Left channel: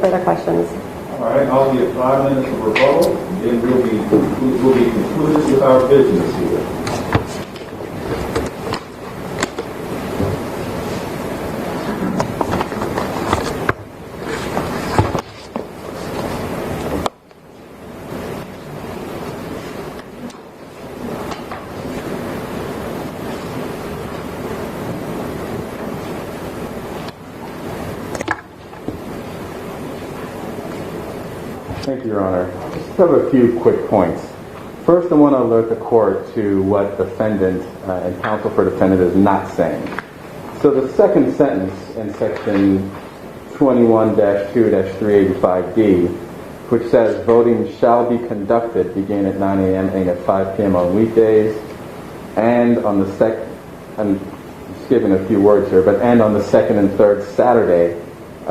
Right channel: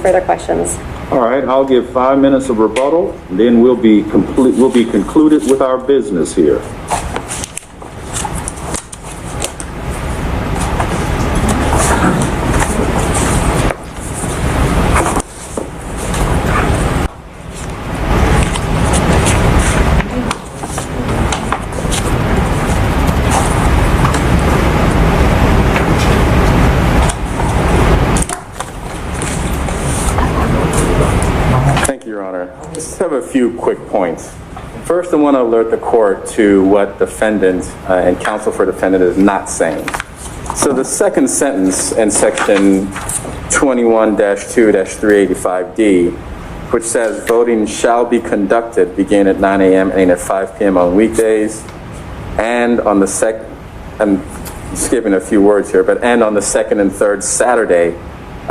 Further questions? All right, I'll give 5 minutes of rebuttal, and then we'll be concluded with our business here. Thank you, Your Honor. I just have a few quick points. First, I want to alert the court to what defendant and counsel for defendant is not saying. So the second sentence in section 21-2-385D, which says voting shall be conducted beginning at 9 a.m. and at 5 p.m. on weekdays, and on the I'm skipping a few words here, and on the second and third Saturday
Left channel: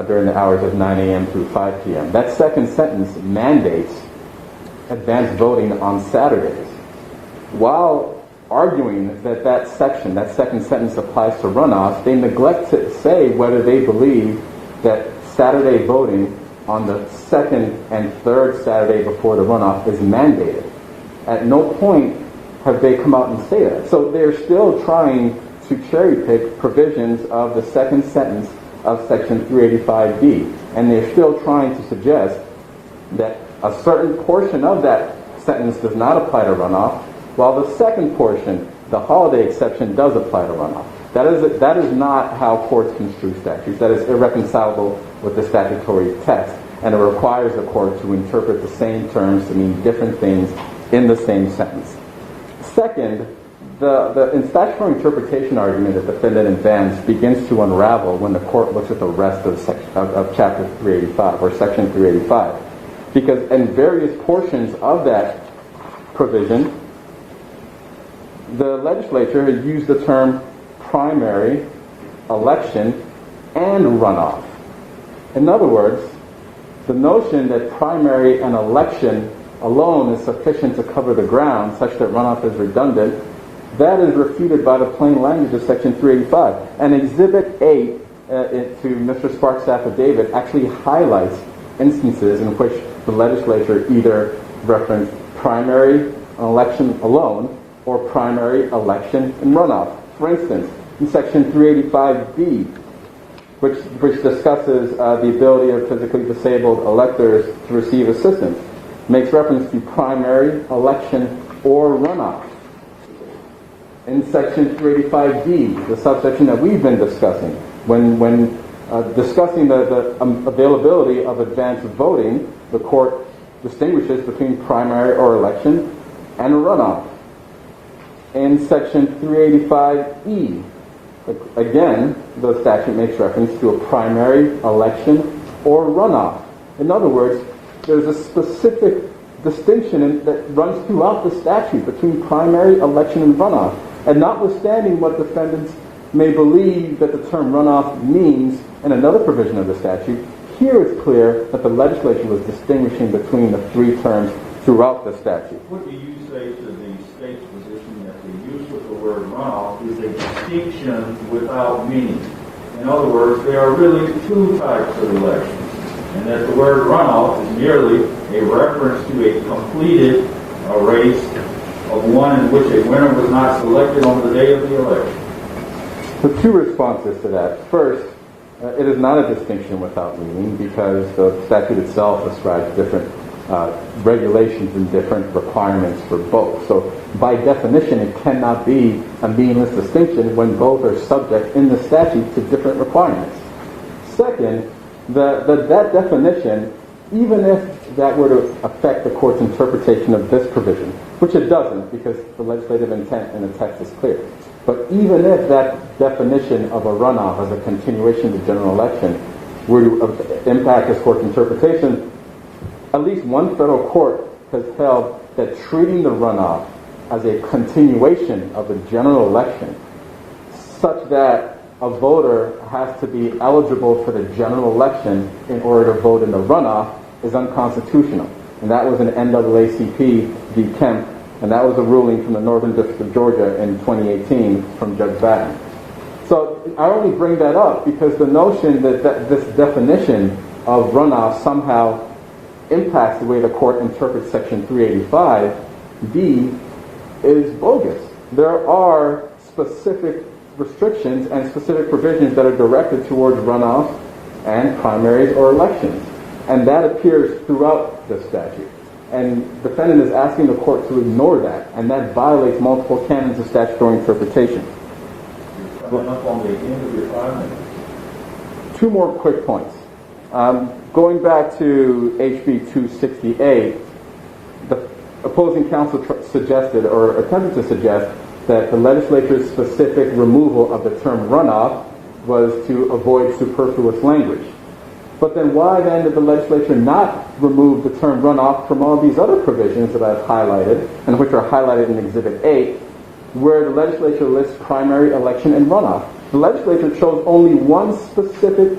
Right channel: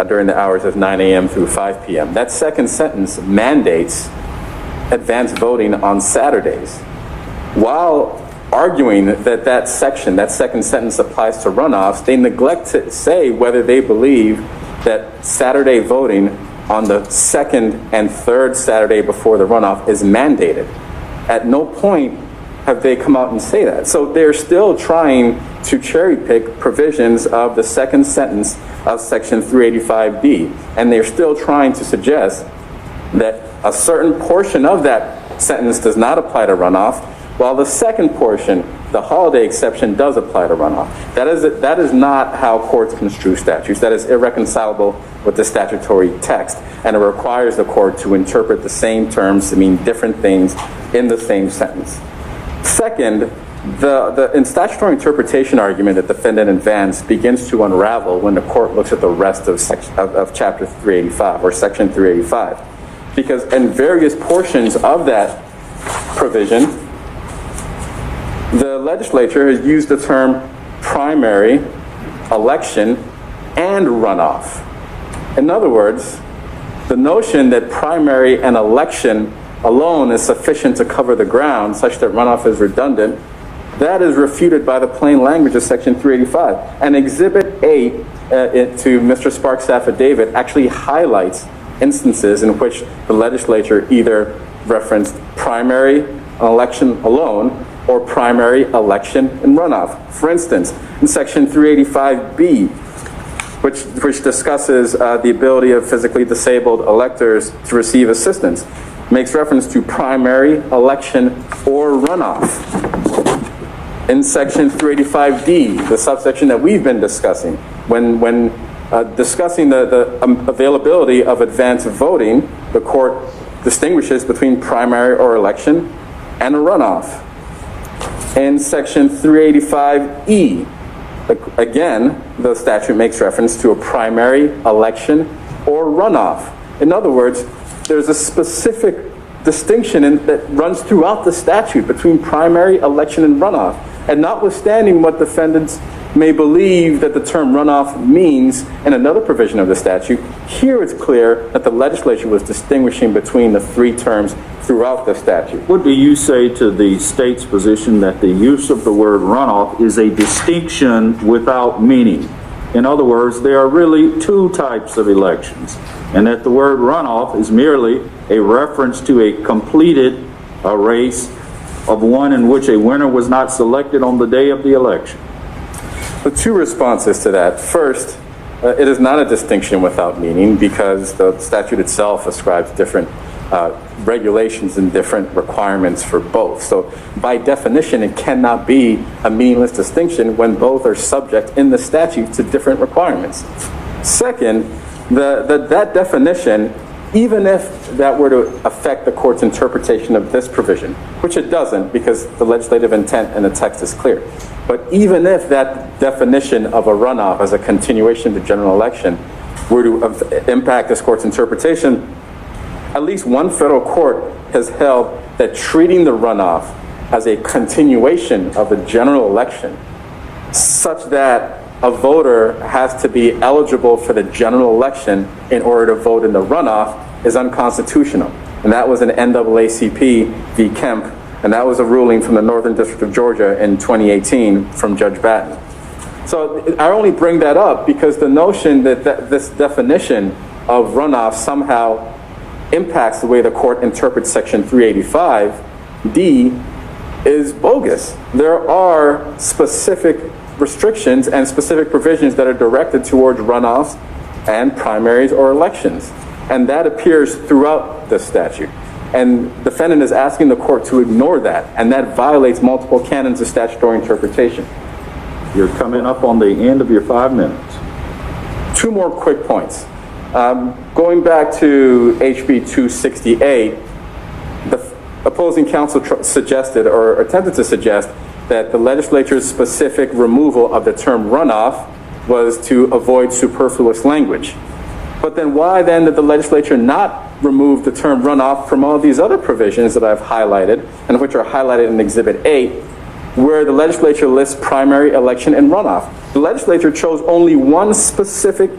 during the hours of 9 a.m. through 5 p.m. That second sentence mandates advanced voting on Saturdays. While arguing that second sentence applies to runoffs, they neglect to say whether they believe that Saturday voting on the second and third Saturday before the runoff is mandated. At no point have they come out and say that. So they're still trying to cherry pick provisions of the second sentence of section 385B, and they're still trying to suggest that a certain portion of that sentence does not apply to runoff, while the second portion, the holiday exception, does apply to runoff. That is not how courts construe statutes. That is irreconcilable with the statutory text, and it requires the court to interpret the same terms to mean different things in the same sentence. Second, the statutory interpretation argument that defendant advanced begins to unravel when the court looks at the rest of chapter 385 or section 385, because in various portions of that provision, the legislature has used the term primary, election, and runoff. In other words, the notion that primary and election alone is sufficient to cover the ground such that runoff is redundant, that is refuted by the plain language of section 385. And Exhibit 8 to Mr. Sparks' affidavit actually highlights instances in which the legislature either referenced primary election alone or primary election and runoff. For instance, in section 385B, which discusses the ability of physically disabled electors to receive assistance, makes reference to primary, election, or runoff. In section 385D, the subsection that we've been discussing, when discussing the availability of advanced voting, the court distinguishes between primary or election and a runoff. In section 385E, again, the statute makes reference to a primary, election, or runoff. In other words, there's a specific distinction that runs throughout the statute between primary, election, and runoff. And notwithstanding what defendants may believe that the term runoff means in another provision of the statute, here it's clear that the legislature was distinguishing between the three terms throughout the statute. What do you say to the state's position that the use of the word runoff is a distinction without meaning? In other words, there are really two types of elections, and that the word runoff is merely a reference to a completed race of one in which a winner was not selected on the day of the election? The two responses to that. First, it is not a distinction without meaning because the statute itself ascribes different regulations and different requirements for both. So by definition, it cannot be a meaningless distinction when both are subject in the statute to different requirements. Second, that definition, even if that were to affect the court's interpretation of this provision, which it doesn't because the legislative intent in the text is clear, but even if that definition of a runoff as a continuation of the general election were to impact this court's interpretation, at least one federal court has held that treating the runoff as a continuation of the general election such that a voter has to be eligible for the general election in order to vote in the runoff is unconstitutional. And that was an NAACP v. Kemp, and that was a ruling from the Northern District of Georgia in 2018 from Judge Batten. So I only bring that up because the notion that this definition of runoff somehow impacts the way the court interprets Section 385D is bogus. There are specific restrictions and specific provisions that are directed towards runoffs and primaries or elections. And that appears throughout the statute. And the defendant is asking the court to ignore that, and that violates multiple canons of statutory interpretation. You're coming up on the end of your 5 minutes. Two more quick points. Going back to HB 268, the opposing counsel suggested or attempted to suggest that the legislature's specific removal of the term runoff was to avoid superfluous language. But then why then did the legislature not remove the term runoff from all these other provisions that I've highlighted, and which are highlighted in Exhibit 8, where the legislature lists primary, election, and runoff? The legislature chose only one specific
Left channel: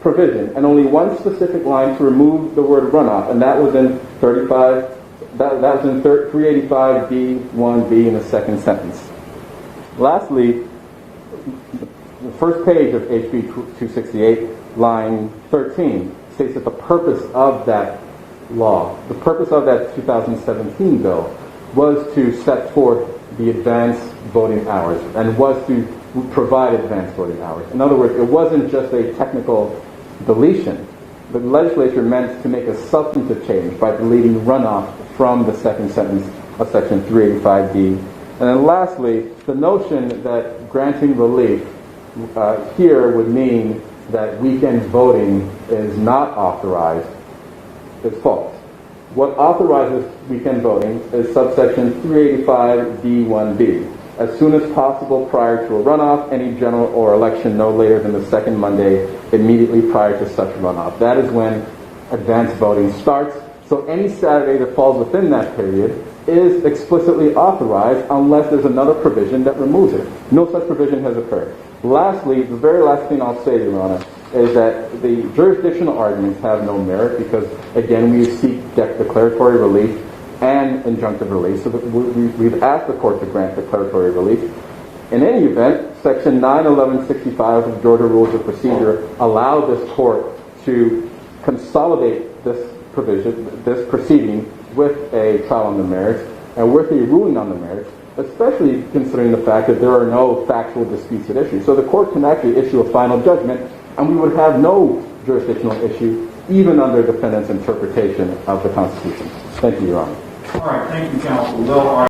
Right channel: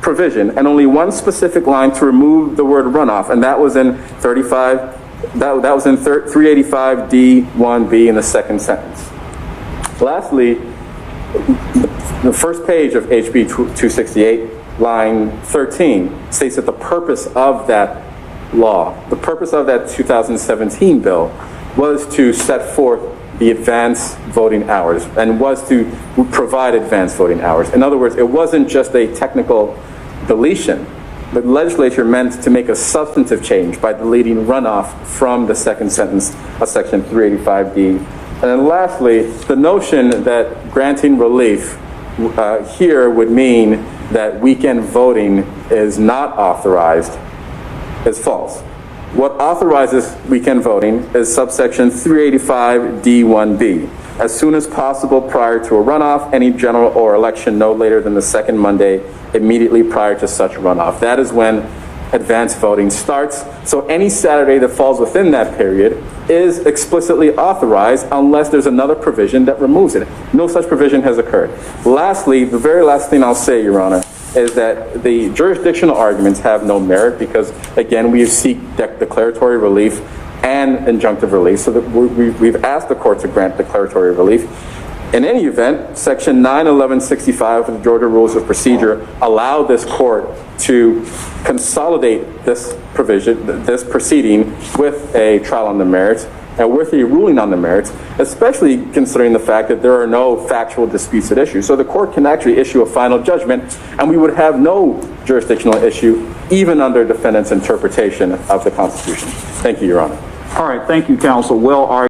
provision and only one specific line to remove the word runoff, and that was in 385D1B in the second sentence. Lastly, the first page of HB 268, line 13, states that the purpose of that law, the purpose of that 2017 bill, was to set forth the advance voting hours and was to provide advance voting hours. In other words, it wasn't just a technical deletion. The legislature meant to make a substantive change by deleting runoff from the second sentence of Section 385D. And then lastly, the notion that granting relief here would mean that weekend voting is not authorized is false. What authorizes weekend voting is subsection 385D1B. As soon as possible prior to a runoff, any general or election no later than the second Monday immediately prior to such runoff. That is when advance voting starts. So any Saturday that falls within that period is explicitly authorized unless there's another provision that removes it. No such provision has occurred. Lastly, the very last thing I'll say, Your Honor, is that the jurisdictional arguments have no merit because, again, we seek declaratory relief and injunctive relief. So that we've asked the court to grant declaratory relief. In any event, Section 91165 of the Georgia Rules of Procedure allow this court to consolidate this provision, this proceeding, with a trial on the merits and with a ruling on the merits, especially considering the fact that there are no factual disputes at issue. So the court can actually issue a final judgment, and we would have no jurisdictional issue, even under defendant's interpretation of the Constitution. Thank you, Your Honor. All right, thank you, counsel. Well argued.